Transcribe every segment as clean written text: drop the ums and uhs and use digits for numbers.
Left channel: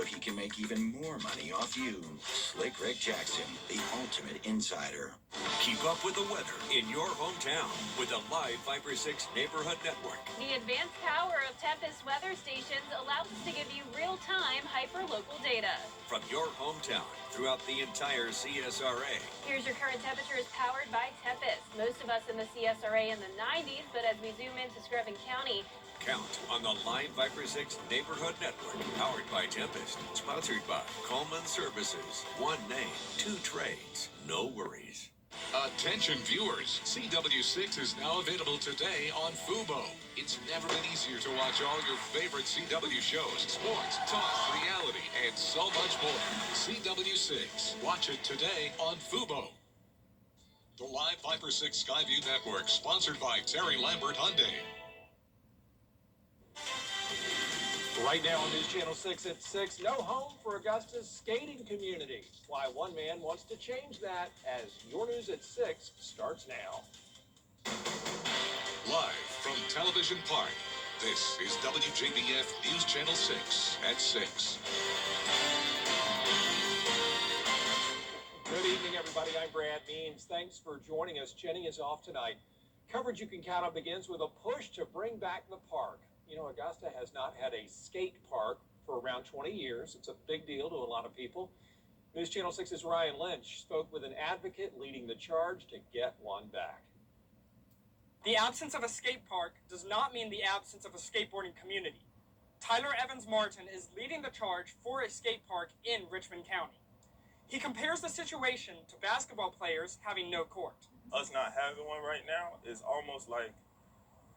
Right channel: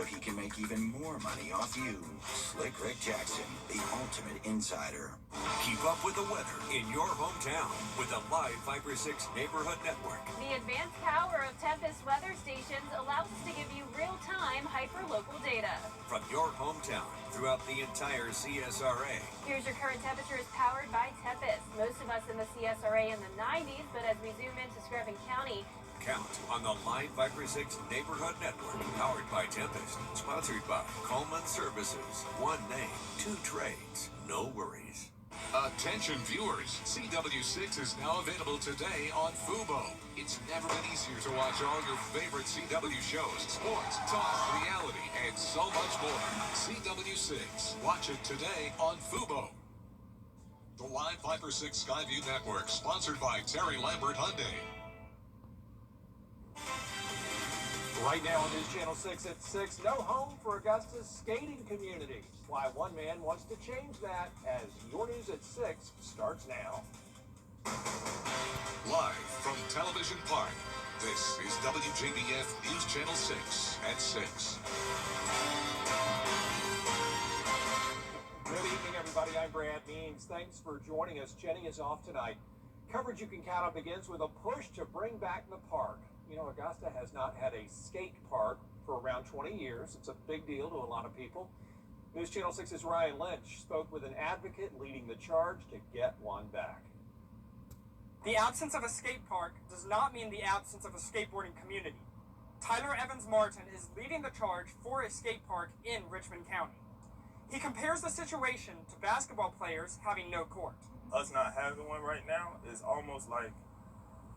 so he can make even more money off you. Slick Rick Jackson, the ultimate insider. Keep up with the weather in your hometown with the live Viper 6 Neighborhood Network. The advanced power of Tempest weather stations allows us to give you real-time hyper-local data. From your hometown throughout the entire CSRA. Here's your current temperatures powered by Tempest. Most of us in the CSRA in the 90s, but as we zoom into Screven County, Count on the live Viper 6 Neighborhood Network, powered by Tempest, sponsored by Coleman Services. One name, two trades, no worries. Attention viewers, CW6 is now available today on Fubo. It's never been easier to watch all your favorite CW shows, sports, talk, reality, and so much more. CW6, watch it today on Fubo. The live Viper 6 Skyview Network, sponsored by Terry Lambert Hyundai. Right now on News Channel 6 at 6, no home for Augusta's skating community. Why one man wants to change that as your News at 6 starts now. Live from Television Park, this is WJBF News Channel 6 at 6. Good evening, everybody. I'm Brad Means. Thanks for joining us. Jenny is off tonight. Coverage you can count on begins with a push to bring back the park. You know, Augusta has not had a skate park for around 20 years. It's a big deal to a lot of people. News Channel 6's Ryan Lynch spoke with an advocate leading the charge to get one back. The absence of a skate park does not mean the absence of a skateboarding community. Tyler Evans Martin is leading the charge for a skate park in Richmond County. He compares the situation to basketball players having no court. Us not having one right now is almost like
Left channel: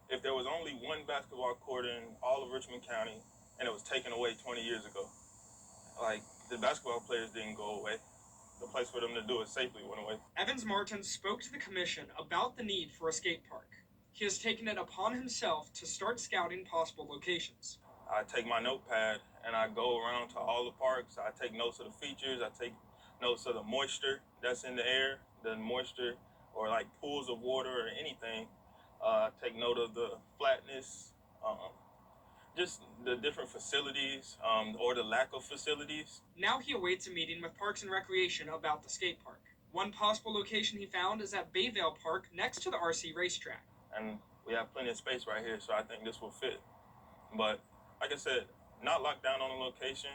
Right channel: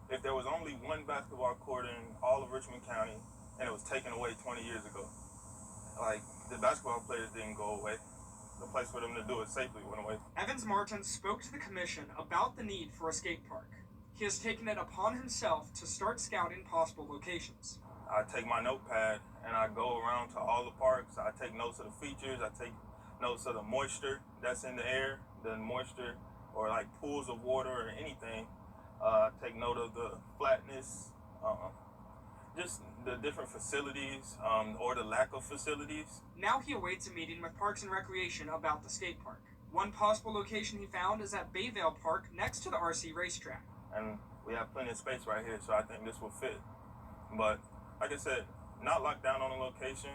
if there was only one basketball court in all of Richmond County and it was taken away 20 years ago. Like, the basketball players didn't go away. The place for them to do it safely went away. Evans Martin spoke to the commission about the need for a skate park. He has taken it upon himself to start scouting possible locations. I take my notepad and I go around to all the parks. I take notes of the features. I take notes of the moisture that's in the air, the moisture or like pools of water or anything. Take note of the flatness, just the different facilities or the lack of facilities. Now he awaits a meeting with Parks and Recreation about the skate park. One possible location he found is at Bayvale Park next to the RC racetrack. And we have plenty of space right here, so I think this will fit. But like I said, not locked down on a location.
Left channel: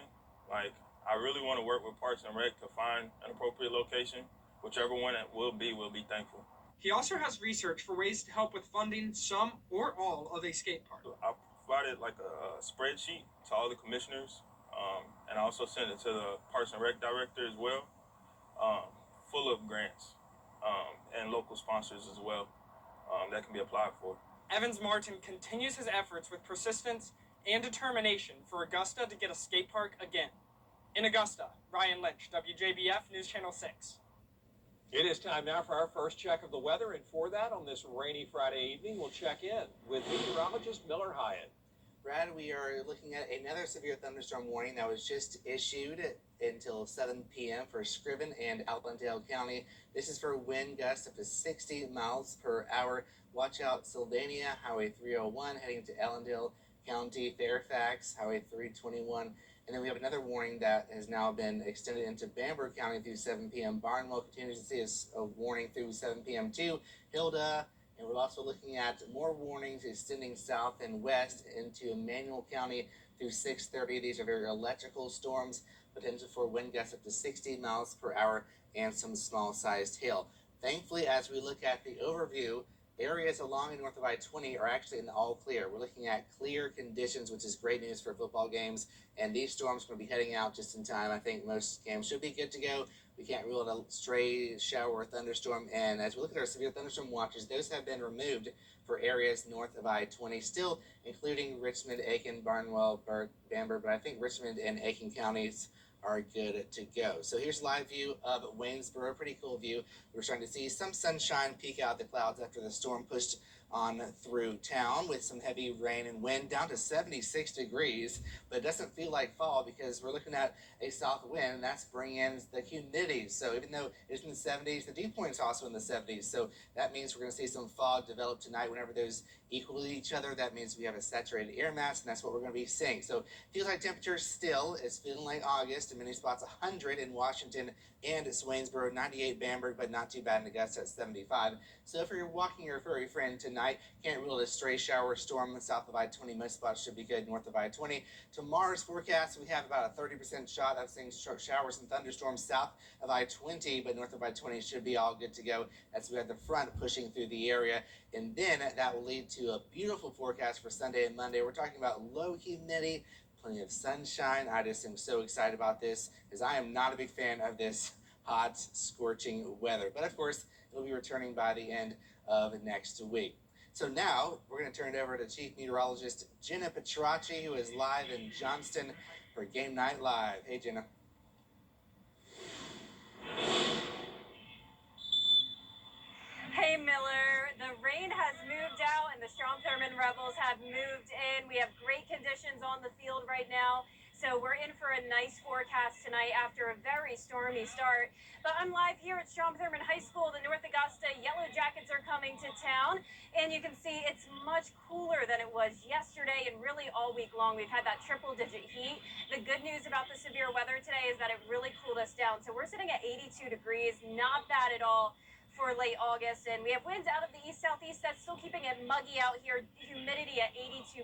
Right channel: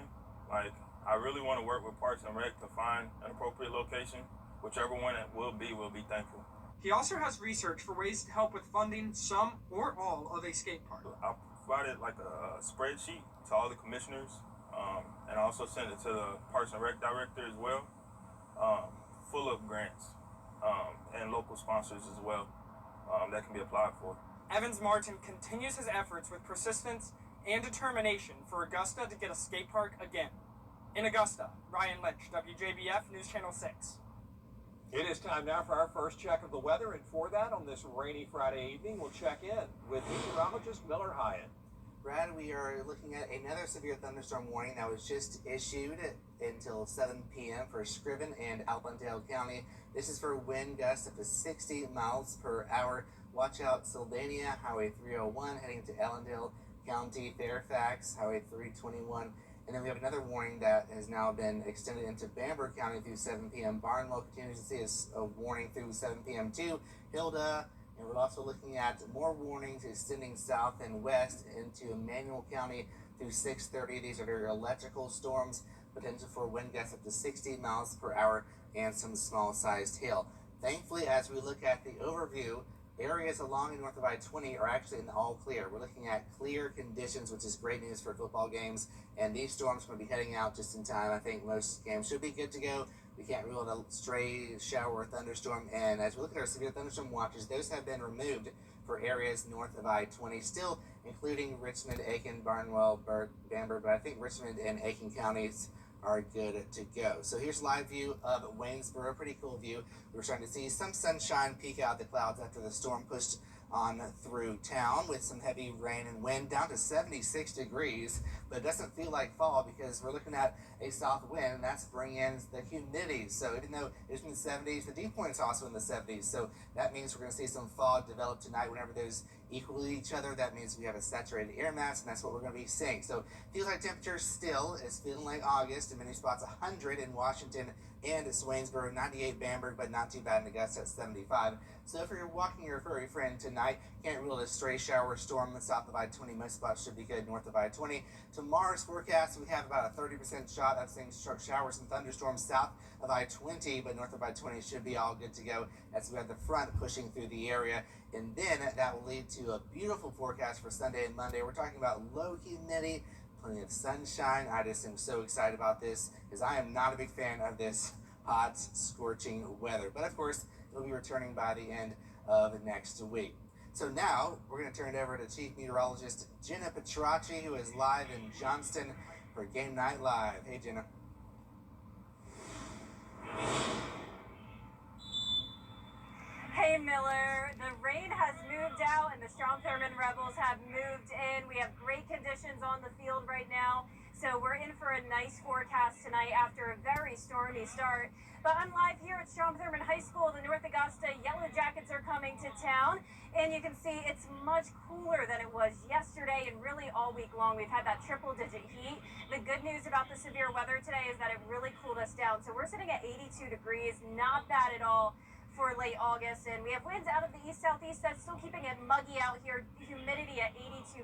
Like, I really want to work with Parks and Rec to find an appropriate location. Whichever one it will be, we'll be thankful. He also has research for ways to help with funding some or all of a skate park. I provided like a spreadsheet to all the commissioners, and I also sent it to the Parks and Rec director as well, full of grants and local sponsors as well that can be applied for. Evans Martin continues his efforts with persistence and determination for Augusta to get a skate park again. In Augusta, Ryan Lynch, WJBF News Channel 6. It is time now for our first check of the weather, and for that, on this rainy Friday evening, we'll check in with meteorologist Miller Hyatt. Brad, we are looking at another severe thunderstorm warning that was just issued until 7 p.m. for Screven and Allendale County. This is for wind gusts up to 60 miles per hour. Watch out Sylvania, Highway 301 heading to Allendale County, Fairfax, Highway 321. And then we have another warning that has now been extended into Bamberg County through 7 p.m. Barnwell continues to see a warning through 7 p.m. too. Hilda, and we're also looking at more warnings extending south and west into Emmanuel County through 6:30. These are very electrical storms, potential for wind gusts up to 60 miles per hour and some small-sized hail. Thankfully, as we look at the overview, areas along and north of I-20 are actually in the all clear. We're looking at clear conditions, which is great news for football games. And these storms are going to be heading out just in time. I think most games should be good to go. We can't rule out a stray shower or thunderstorm. And as we look at our severe thunderstorm watches, those have been removed for areas north of I-20, still including Richmond, Aiken, Barnwell, Bamberg. But I think Richmond and Aiken counties are good to go. So here's a live view of Waynesboro. Pretty cool view. We're starting to see some sunshine peek out the clouds after the storm pushed on through town with some heavy rain and wind down to 76 degrees, but it doesn't feel like fall because we're looking at a south wind, and that's bringing in the humidity. So even though it's in the 70s, the dew point is also in the 70s. So that means we're going to see some fog develop tonight whenever those equal to each other. That means we have a saturated air mass, and that's what we're going to be seeing. So feels like temperature still is feeling like August. In many spots, 100 in Washington and Swainsboro, 98 Bamberg, but not too bad in Augusta at 75. So if you're walking your furry friend tonight, can't rule a stray shower storm south of I-20. Most spots should be good north of I-20. Tomorrow's forecast, we have about a 30% shot of seeing showers and thunderstorms south of I-20, but north of I-20 should be all good to go as we have the front pushing through the area. And then that will lead to a beautiful forecast for Sunday and Monday. We're talking about low humidity, plenty of sunshine. I just am so excited about this because I am not a big fan of this hot, scorching weather. But of course, it'll be returning by the end of next week. So now we're going to turn it over to Chief Meteorologist Jenna Petracci, who is live in Johnston for Game Night Live. Hey, Jenna. Hey Miller, the rain has moved out and the Strom Thurmond Rebels have moved in. We have great conditions on the field right now. So we're in for a nice forecast tonight after a very stormy start. But I'm live here at Strom Thurmond High School, the North Augusta Yellow Jackets are coming to town. And you can see it's much cooler than it was yesterday and really all week long. We've had that triple-digit heat. The good news about the severe weather today is that it really cooled us down. So we're sitting at 82 degrees, not bad at all for late August, and we have winds out of the east-southeast that's still keeping it muggy out here. Humidity at 82%.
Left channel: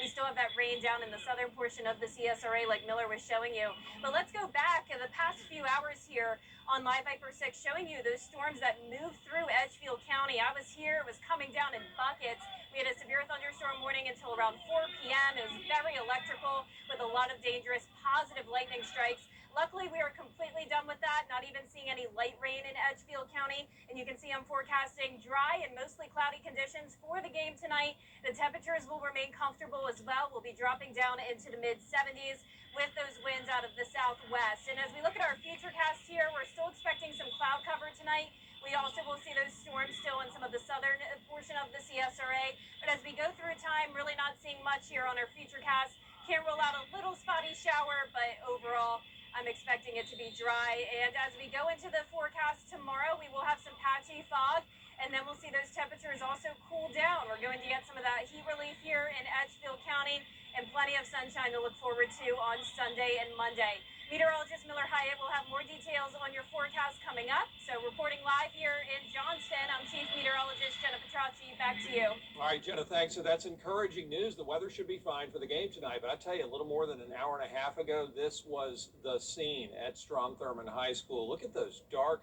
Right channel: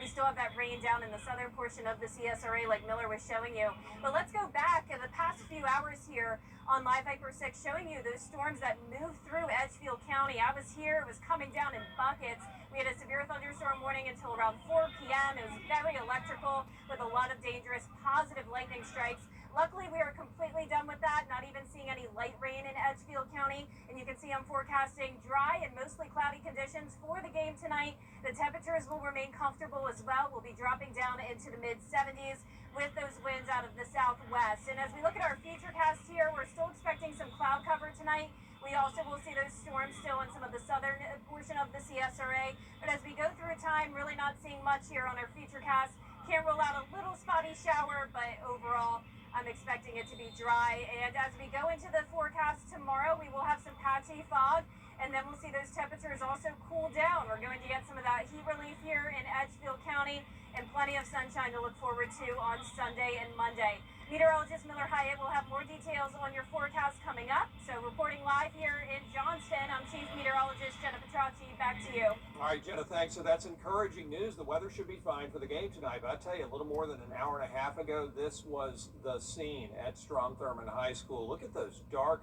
We still have that rain down in the southern portion of the CSRA like Miller was showing you. But let's go back in the past few hours here on Live Viper 6, showing you those storms that moved through Edgefield County. I was here, it was coming down in buckets. We had a severe thunderstorm warning until around 4 p.m. It was very electrical with a lot of dangerous positive lightning strikes. Luckily, we are completely done with that, not even seeing any light rain in Edgefield County. And you can see I'm forecasting dry and mostly cloudy conditions for the game tonight. The temperatures will remain comfortable as well. We'll be dropping down into the mid-70s with those winds out of the southwest. And as we look at our futurecast here, we're still expecting some cloud cover tonight. We also will see those storms still in some of the southern portion of the CSRA. But as we go through time, really not seeing much here on our futurecast. Can't rule out a little spotty shower, but overall, I'm expecting it to be dry. And as we go into the forecast tomorrow, we will have some patchy fog, and then we'll see those temperatures also cool down. We're going to get some of that heat relief here in Edgefield County and plenty of sunshine to look forward to on Sunday and Monday. Meteorologist Miller Hyatt will have more details on your forecast coming up. So reporting live here in Johnston, I'm Chief Meteorologist Jenna Petracci. Back to you. All right, Jenna, thanks. So that's encouraging news. The weather should be fine for the game tonight. But I tell you, a little more than an hour and a half ago, this was the scene at Strom Thurmond High School. Look at those dark,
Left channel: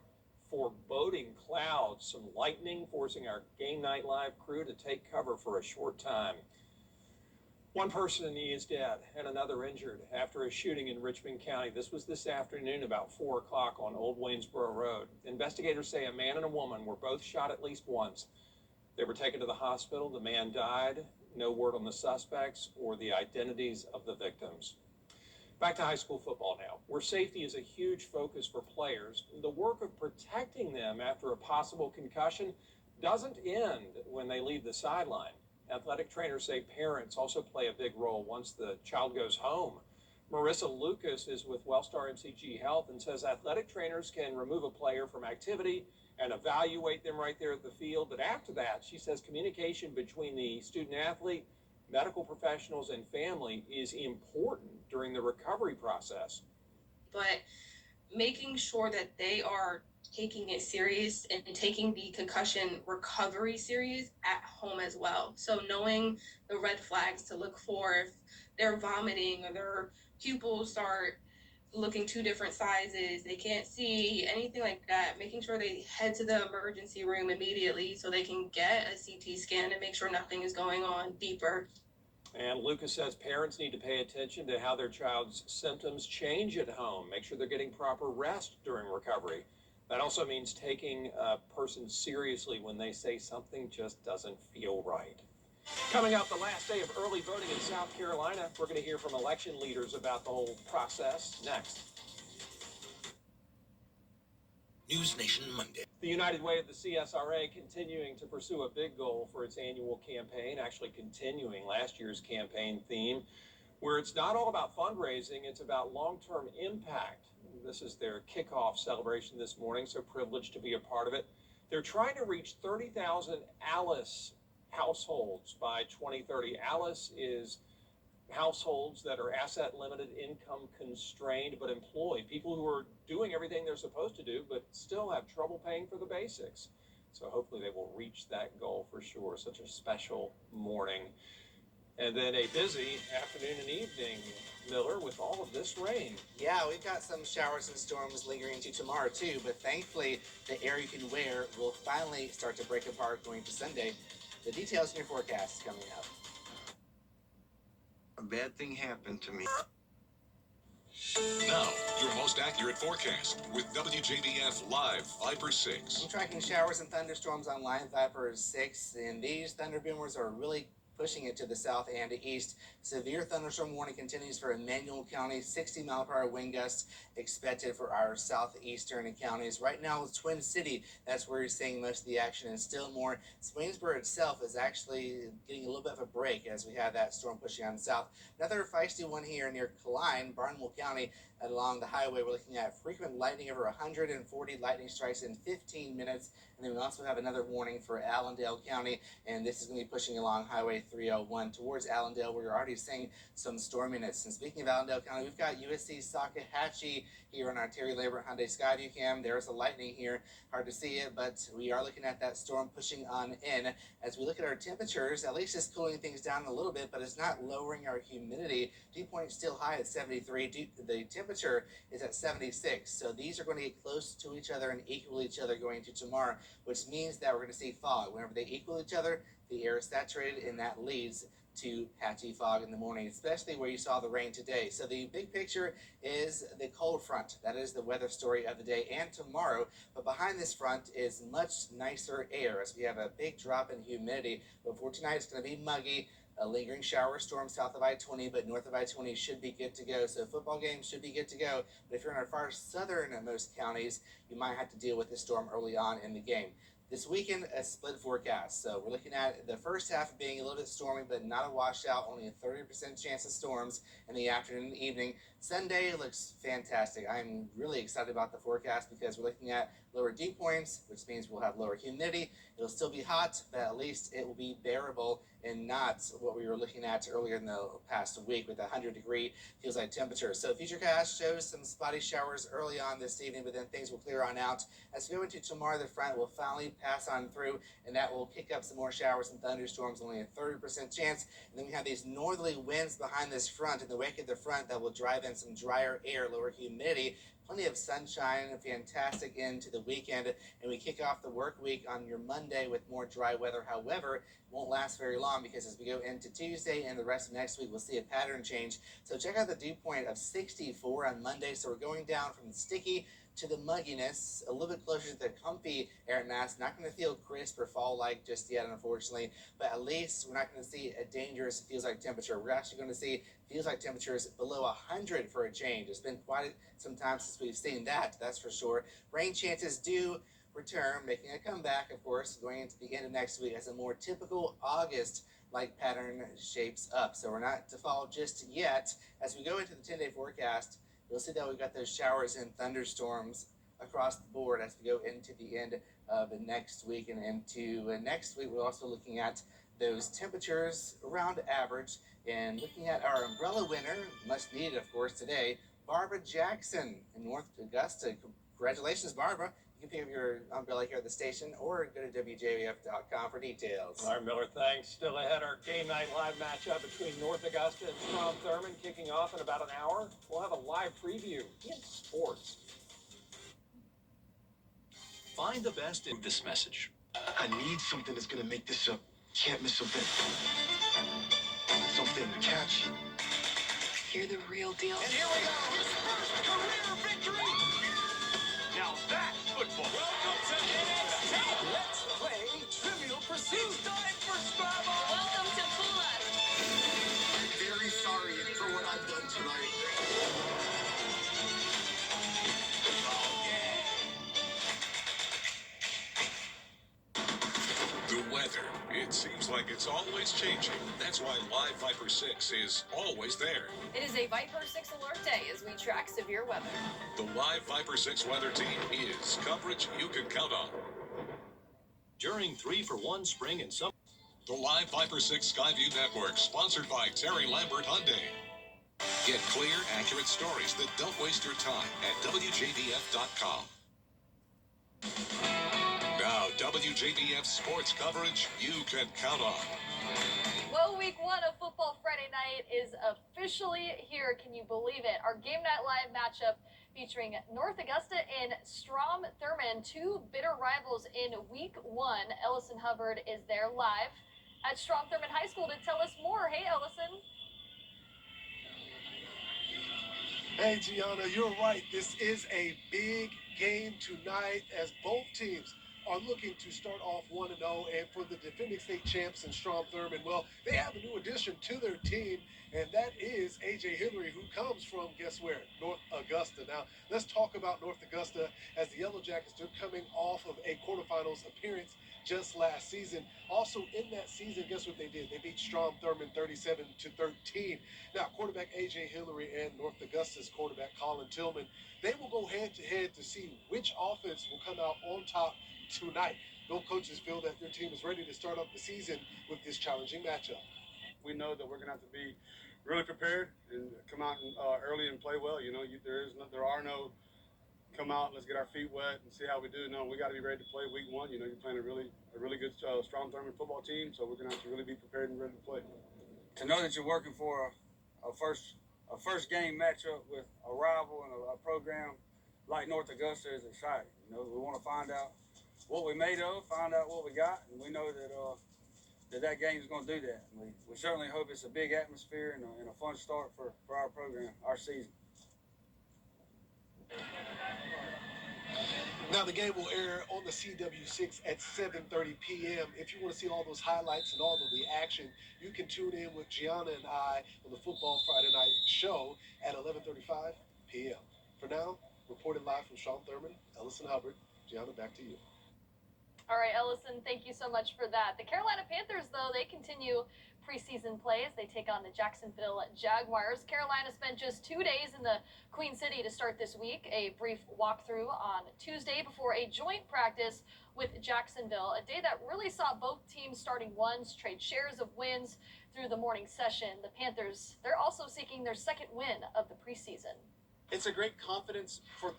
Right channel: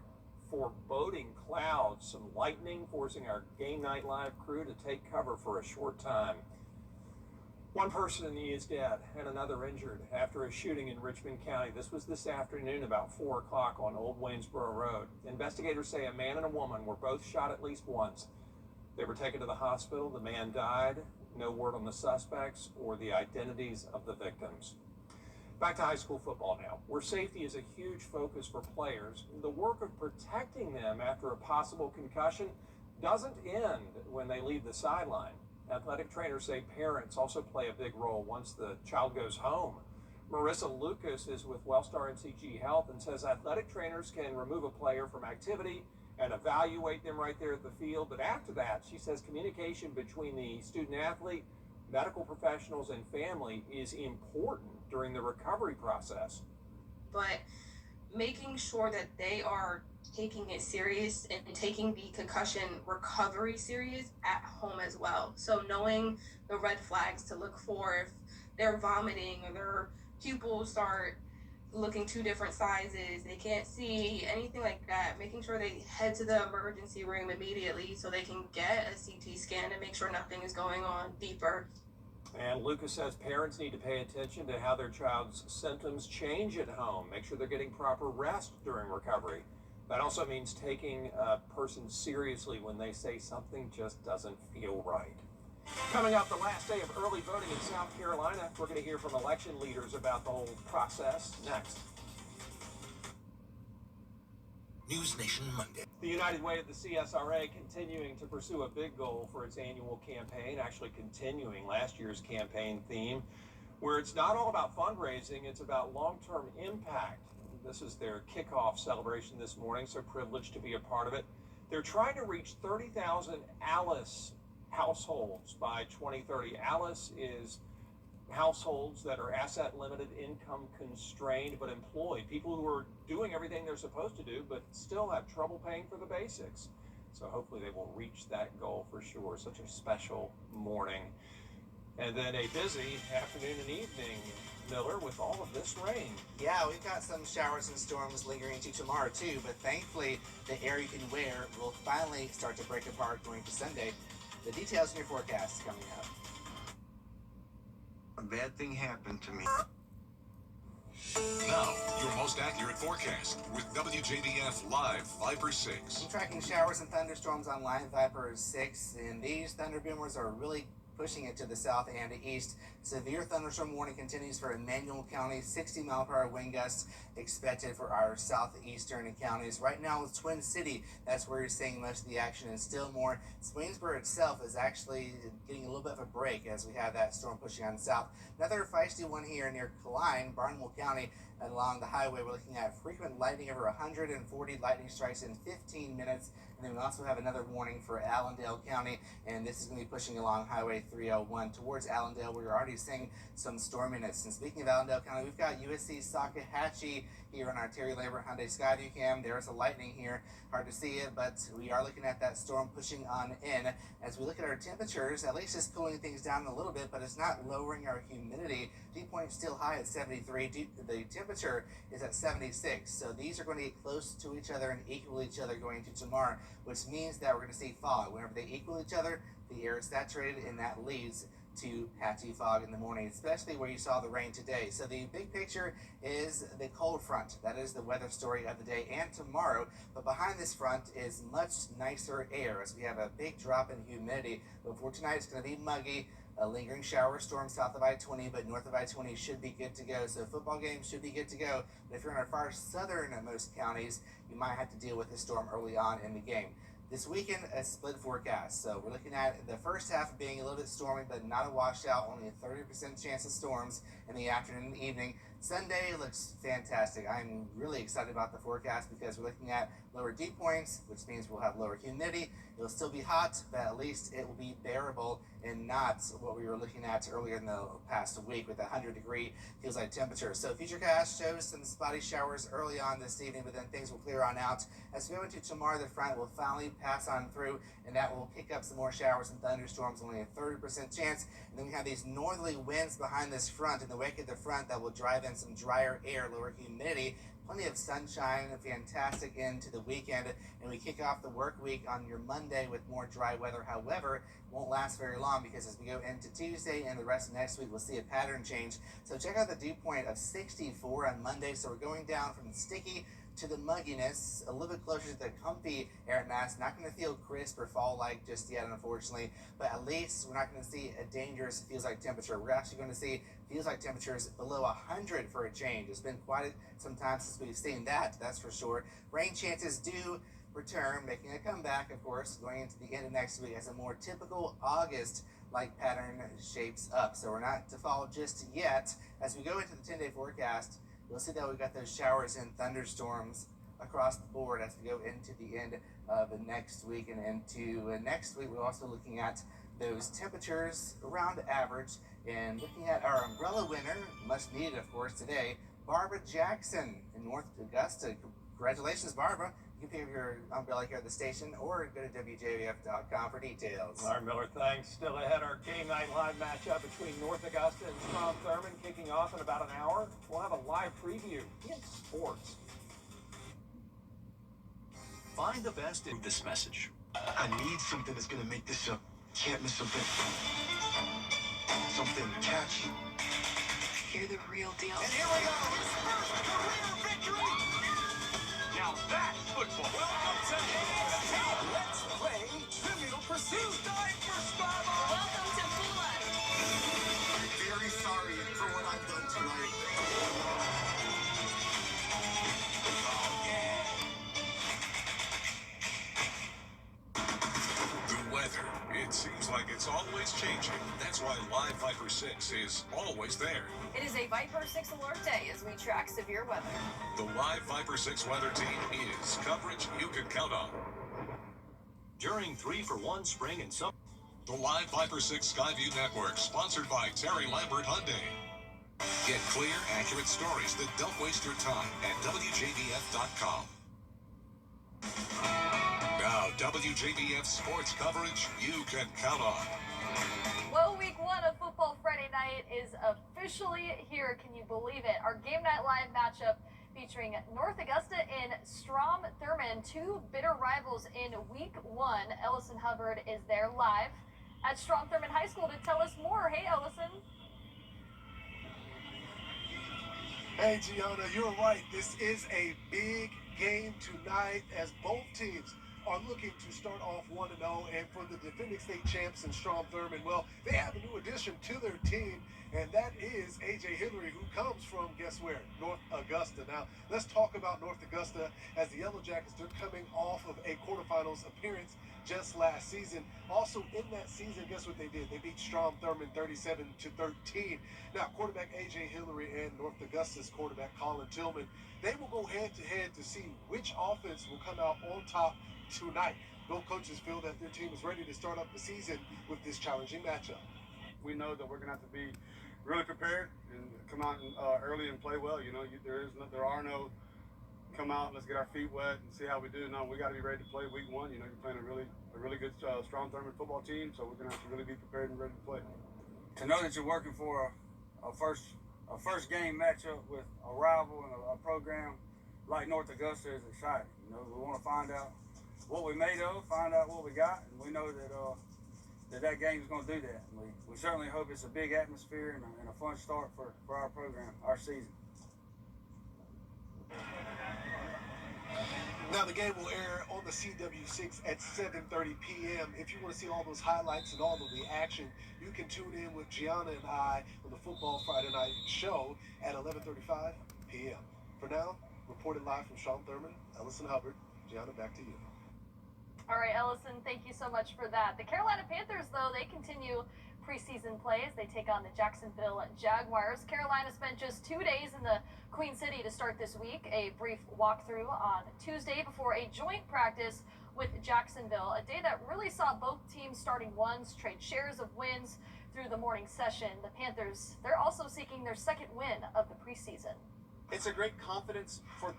foreboding clouds. Some lightning forcing our Game Night Live crew to take cover for a short time. One person is dead and another injured after a shooting in Richmond County. This was this afternoon about 4 o'clock on Old Waynesboro Road. Investigators say a man and a woman were both shot at least once. They were taken to the hospital. The man died. No word on the suspects or the identities of the victims. Back to high school football now, where safety is a huge focus for players. The work of protecting them after a possible concussion doesn't end when they leave the sideline. Athletic trainers say parents also play a big role once the child goes home. Marissa Lucas is with Wellstar MCG Health and says athletic trainers can remove a player from activity and evaluate them right there at the field. But after that, she says communication between the student athlete, medical professionals, and family is important during the recovery process. But making sure that they are taking it serious and taking the concussion recovery serious at home as well. So knowing the red flags to look for if they're vomiting or their pupils start looking two different sizes, they can't see, anything like that, making sure they head to the emergency room immediately so they can get a CT scan and make sure nothing is going on deeper. And Lucas says parents need to pay attention to how their child's symptoms change at home. Make sure they're getting proper rest during recovery. That also means taking a person seriously when they say something just doesn't feel right. Coming up, the last day of early voting in South Carolina. We're going to hear from election leaders about the whole process next. News Nation Monday. The United Way of the CSRA continuing to pursue a big goal for its annual campaign, actually continuing last year's campaign theme, where it's not all about fundraising, it's about long-term impact. This is their kickoff celebration this morning, so privileged to be a part of it. They're trying to reach 30,000 Alice households by 2030. Alice is households that are asset limited, income constrained, but employed. People who are doing everything they're supposed to do, but still have trouble paying for the basics. So hopefully they will reach that goal for sure. Such a special morning. And then a busy afternoon and evening, Miller, with all of this rain. Yeah, we've got some showers and storms lingering into tomorrow too, but thankfully the air you can wear will finally start to break apart going to Sunday. The details in your forecast coming up. A bad thing happened to me. Now, your most accurate forecast with WJBF Live Viper 6. I'm tracking showers and thunderstorms on Live Viper 6, and these thunder boomers are really pushing it to the south and east. Severe thunderstorm warning continues for Emmanuel County. 60-mile-per-hour wind gusts expected for our southeastern counties. Right now, it's Twin City. That's where you're seeing most of the action, and still more. Swainsboro itself is actually getting a little bit of a break as we have that storm pushing on south. Another feisty one here near Klein, Barnwell County. Along the highway, we're looking at frequent lightning, over 140 lightning strikes in 15 minutes. And then we also have another warning for Allendale County, and this is going to be pushing along Highway 301 towards Allendale, where you're already seeing some storminess. And speaking of Allendale County, we've got USC Salkehatchie here on our Terry Labor Hyundai Skyview cam. There's a lightning here. Hard to see it, but we are looking at that storm pushing on in. As we look at our temperatures, at least it's cooling things down a little bit, but it's not lowering our humidity. Dew point still high at 73. The temperature is at 76. So these are going to get close to each other and equal each other going into tomorrow, which means that we're going to see fog. Whenever they equal each other, the air is saturated, and that leads to patchy fog in the morning, especially where you saw the rain today. So the big picture is the cold front. That is the weather story of the day and tomorrow. But behind this front is much nicer air as we have a big drop in humidity. But for tonight, it's going to be muggy. A lingering shower storm south of I-20, but north of I-20 should be good to go. So football games should be good to go. But if you're in our far southernmost counties, you might have to deal with the storm early on in the game. This weekend, a split forecast. So we're looking at the first half being a little bit stormy, but not a washout. Only a 30% chance of storms in the afternoon and evening. Sunday looks fantastic. I'm really excited about the forecast because we're looking at lower dew points, which means we'll have lower humidity. It'll still be hot, but at least it will be bearable and not what we were looking at earlier in the past week with 100-degree feels like temperature. So Futurecast shows some spotty showers early on this evening, but then things will clear on out. As we go into tomorrow, the front will finally pass on through, and that will kick up some more showers and thunderstorms, only a 30% chance. And then we have these northerly winds behind this front in the wake of the front that will drive in some drier air, lower humidity. Plenty of sunshine, a fantastic end to the weekend, and we kick off the work week on your Monday with more dry weather. However, it won't last very long because as we go into Tuesday and the rest of next week, we'll see a pattern change. So check out the dew point of 64 on Monday. So we're going down from the sticky to the mugginess, a little bit closer to the comfy air mass. Not going to feel crisp or fall-like just yet, unfortunately, but at least we're not going to see a dangerous feels-like temperature. We're actually going to see feels-like temperatures below 100 for a change. It's been quite some time since we've seen that, that's for sure. Rain chances do return, making a comeback, of course, going into the end of next week as a more typical August-like pattern shapes up. So we're not to fall just yet. As we go into the 10-day forecast, you'll see that we've got those showers and thunderstorms across the board as we go into the end of the next week. And into next week, we're also looking at those temperatures around average and looking at our umbrella winner, much needed, of course, today, Barbara Jackson in North Augusta. Congratulations, Barbara. You can pick up your umbrella here at the station or go to WJBF.com for details. All right, Miller, thanks. Still ahead, our game night live matchup between North Augusta and Strom Thurmond kicking off in about an hour. We'll have a live preview in sports. Find the best in this message. I need something that's going to make this up. Can't miss something. Something catchy. You're the real deal. And here we go. His first career victory. Now that's football. Welcome to NXT. Let's play Trivial Pursuit. It's time for Scrabble. Welcome to Blood. I'm very sorry for what I've done tonight. The weather. It seems like it's always changing. That's why Live Viper 6 is always there. It is a Viper 6 alert day as we track severe weather. The Live Viper 6 weather team is coverage you can count on. During 3-for-1 spring and summer. The Live Viper 6 Skyview Network, sponsored by Terry Lambert Hyundai. Get clear, accurate stories that don't waste your time at WJBF.com. Now, WJBF sports coverage you can count on. Well, week one of Football Friday Night is officially here. Can you believe it? Our Game Night Live matchup featuring North Augusta and Strom Thurmond, two bitter rivals in week one. Ellison Hubbard is there live at Strom Thurmond High School to tell us more. Hey, Ellison. Hey, Gianna, you're right. This is a big game tonight as both teams are looking to start off 1-0. And for the defending state champs in Strom Thurmond, well, they have a new addition to their team, and that is A.J. Hillary, who comes from, guess where? North Augusta. Now, let's talk about North Augusta as the Yellow Jackets, they're coming off of a quarterfinals appearance just last season. Also in that season, guess what they did? They beat Strom Thurmond 37-13. Now, quarterback A.J. Hillary and North Augusta's quarterback Colin Tillman, they will go head-to-head to see which offense will come out on top tonight. Both coaches feel that their team is ready to start up the season with this challenging matchup. We know that we're going to have to be really prepared and come out early and play well. You know, there are no come out, let's get our feet wet and see how we do. No, we got to be ready to play week one. You know, you're playing a really good Strom Thurmond football team, so we're going to have to really be prepared and ready to play. To know that you're working for a first game matchup with a rival and a program like North Augusta is exciting. You know, we want to find out what we're made of, find out what we got, and we know that that game is going to do that. And we certainly hope it's a big atmosphere and a fun start for our program, our season. Now, the game will air on the CW6 at 7:30 p.m. If you want to see all those highlights and all of the action, you can tune in with Gianna and I on the Football Friday Night show at 11:35 p.m. For now, reported live from Strom Thurmond, Ellison Hubbard. Gianna, back to you. All right, Ellison, thank you so much for that. The Carolina Panthers, though, they continue preseason plays. They take on the Jacksonville Jaguars. Carolina spent just 2 days in the Queen City to start this week. A brief walkthrough on Tuesday before a joint practice with Jacksonville. A day that really saw both teams starting ones trade shares of wins through the morning session. The Panthers, they're also seeking their second win of the preseason. It's a great confidence for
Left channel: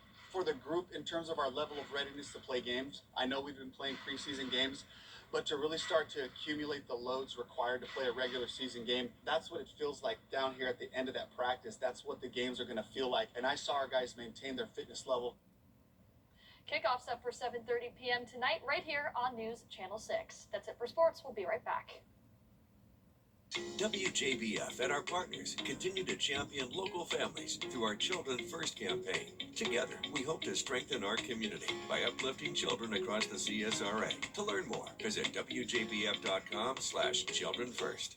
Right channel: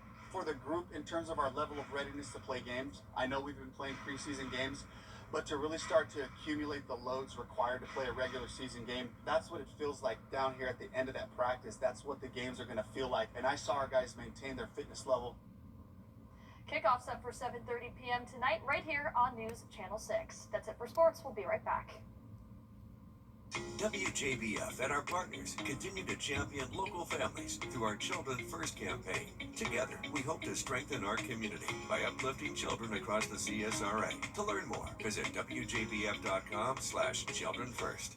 the group in terms of our level of readiness to play games. I know we've been playing preseason games, but to really start to accumulate the loads required to play a regular season game, that's what it feels like down here at the end of that practice. That's what the games are going to feel like. And I saw our guys maintain their fitness level. Kickoff set for 7:30 p.m. tonight right here on News Channel 6. That's it for sports. We'll be right back. WJBF and our partners continue to champion local families through our Children First campaign. Together, we hope to strengthen our community by uplifting children across the CSRA. To learn more, visit WJBF.com/Children First.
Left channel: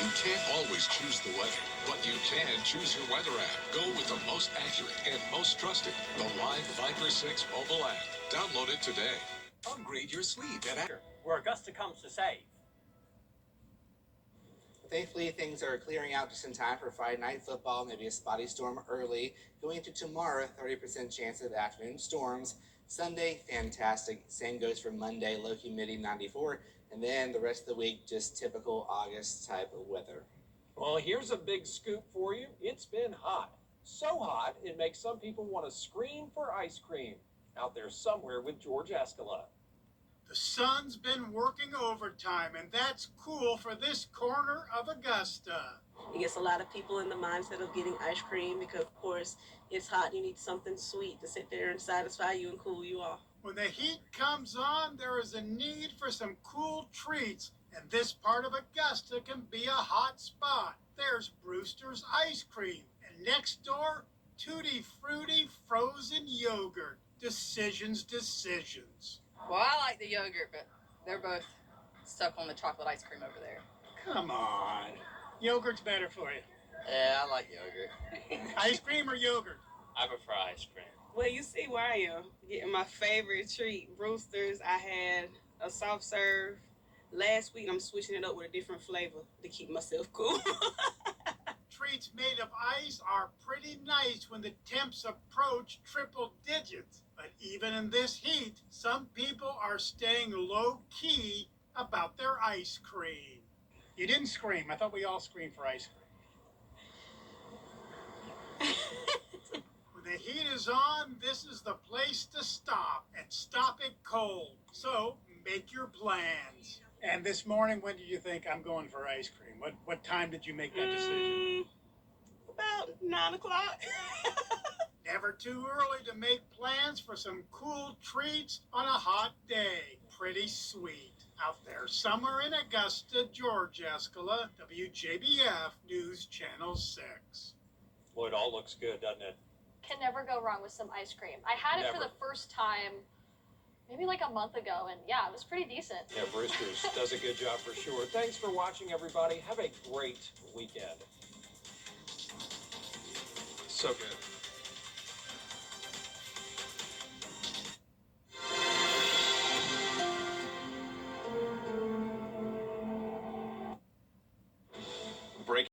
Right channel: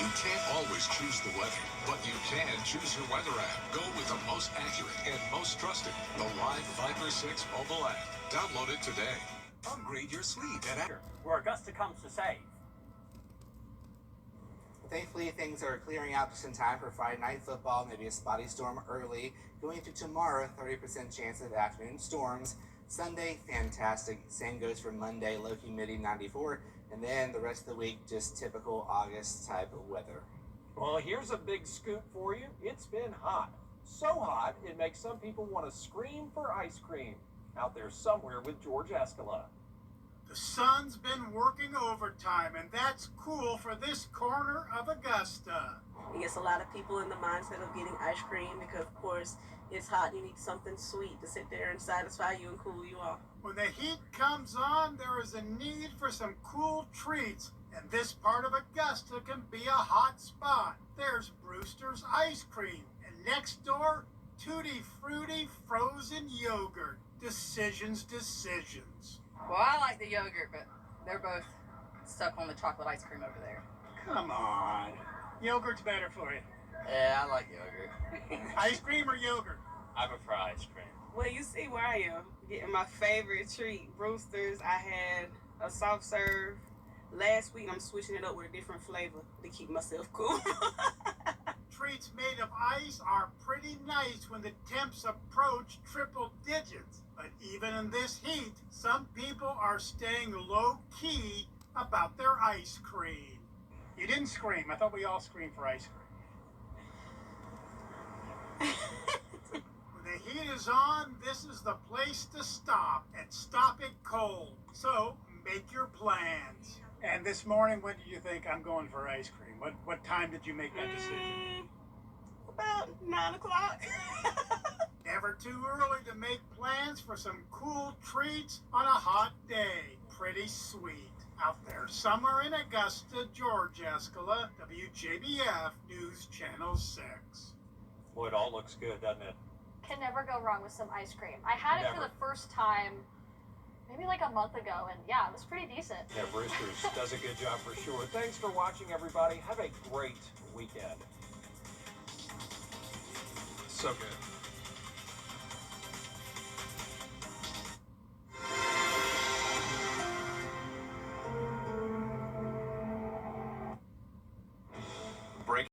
You can't always choose the weather, but you can choose your weather app. Go with the most accurate and most trusted, the Live Viper 6 mobile app. Download it today. Upgrade your sleep at where Augusta comes to save. Thankfully, things are clearing out just in time for Friday night football. Maybe a spotty storm early. Going into tomorrow, 30% chance of afternoon storms. Sunday, fantastic. Same goes for Monday, low humidity, 94. And then the rest of the week, just typical August type of weather. Well, here's a big scoop for you. It's been hot. So hot, it makes some people want to scream for ice cream. Out there somewhere with George Escala. The sun's been working overtime, and that's cool for this corner of Augusta. It gets a lot of people in the mindset of getting ice cream because, of course, it's hot. You need something sweet to sit there and satisfy you and cool you off. When the heat comes on, there is a need for some cool treats, and this part of Augusta can be a hot spot. There's Brewster's Ice Cream, and next door, Tutti Frutti Frozen Yogurt. Decisions. Well, I like the yogurt, but they're both stuck on the chocolate ice cream over there. Come on. Yogurt's better for you. Yeah, I like yogurt. Ice cream or yogurt? I prefer ice cream. Well, you see where I am, getting my favorite treat, Brewster's. I had a soft serve last week. I'm switching it up with a different flavor to keep myself cool. Treats made of ice are pretty nice when the temps approach triple digits. But even in this heat, some people are staying low-key about their ice cream. You didn't scream. I thought we all screamed for ice cream. When the heat is on, this is the place to stop and stop it cold. So make your plans. And this morning, when did you think I'm going for ice cream? What time did you make that decision? About 9 o'clock. Never too early to make plans for some cool treats on a hot day. Pretty sweet. Out there somewhere in Augusta, Georgia, Escala, WJBF News Channel 6. Well, it all looks good, doesn't it? Can never go wrong with some ice cream. I had it for the first time maybe like a month ago, and yeah, it was pretty decent. Yeah, Brewster's does a good job for sure. Thanks for watching, everybody. Have a great weekend. So good.